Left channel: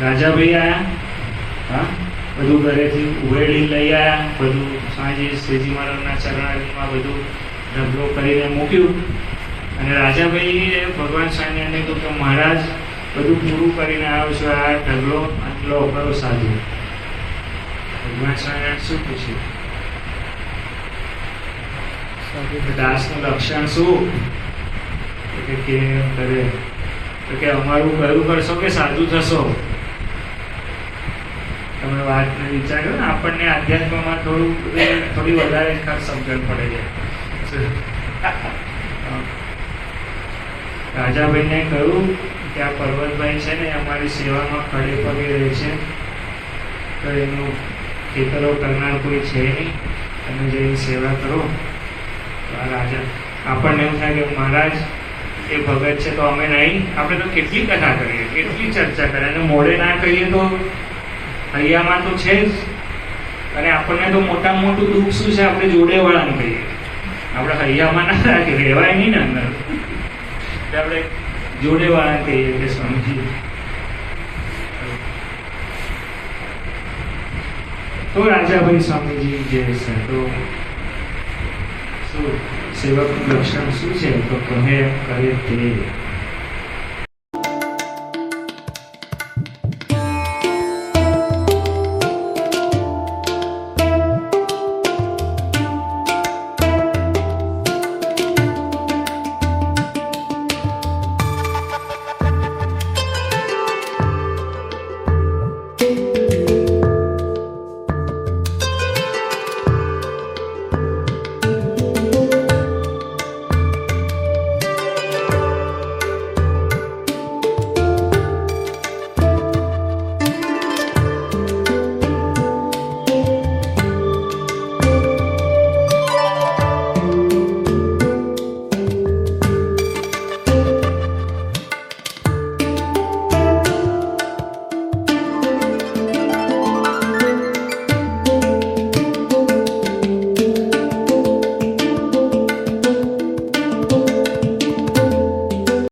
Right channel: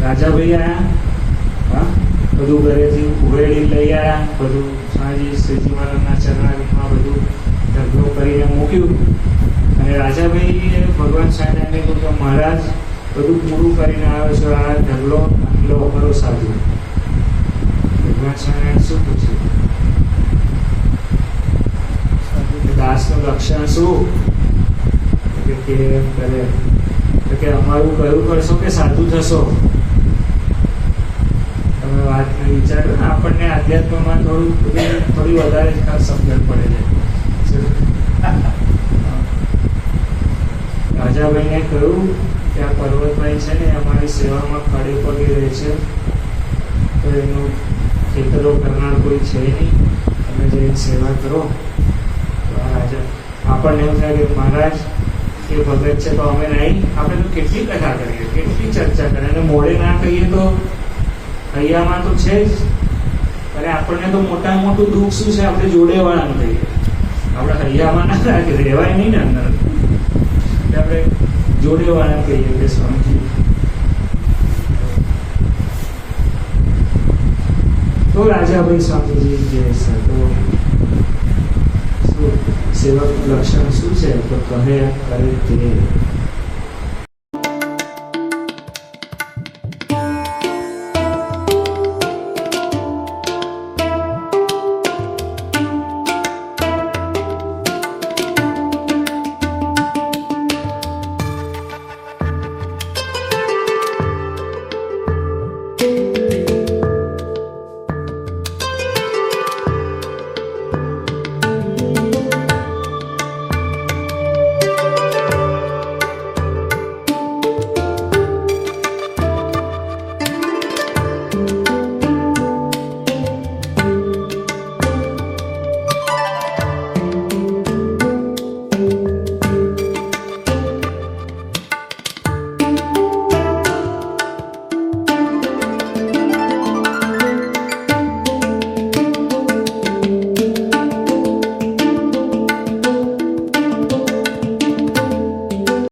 રાજાભાઈ આયા, હા, બધું ઘરેથી ઉઘેડી લઈ આવ્યા, બધું સાંજે શ્રીજી મહારાજના ચરણામાં બધું ઢગલો કરીને મૂક્યું. અને રાજાભાઈએ ભગવાન સ્વામિનારાયણને કહ્યું કે મહારાજ બધું પૂરું કરીને આવ્યો છું, આ ઢગલો આટલો કરો સાધુ. ભગવાન સ્વામિનારાયણ શું પૂછ્યું? દાસનું લક્ષણ શું? કે કેમ કરે? તો કે અમારું કયું કરશો કે સાધુ થશો? તમે વાતને વિચારો ને, આપણને આધ્યાત્મમાં થોડી વધારે સમજણ પડે છે. રાજાભાઈને કહ્યું કે આ પર્વતભાઈ છે ને અમારી સેવામાં ખડે પગે રહે છે, તો એનું ખેતરો કરનાર કોઈ છે નહીં, તમે જઈને સેવા કરો. તો આ રાજા આપણને એવું થાય કે મહારાજ એ ભગત છે તો અમે નહીં, આપણે તો કેટલી કથા કરીએ, કેટલી ચર્ચા કરીએ, અને મોડે ના કહીએ તો હૈયામાં તો છે જ. અને આપણને તો મોટામાં મોટું દુઃખ શું છે? આપણે જોડેવાળાને કહીએ, આપણે હૈયામાં ના રાખીએ, રહેવાય નહીં ને અંદર. એટલે આપણે જોડેવાળાને કહીએ કે સ્વામીજી. તો રાજાભાઈ સ્વામીજી જે છે તો શું સેવકનું લક્ષણ શું છે? તો કહે એમ કરે તે.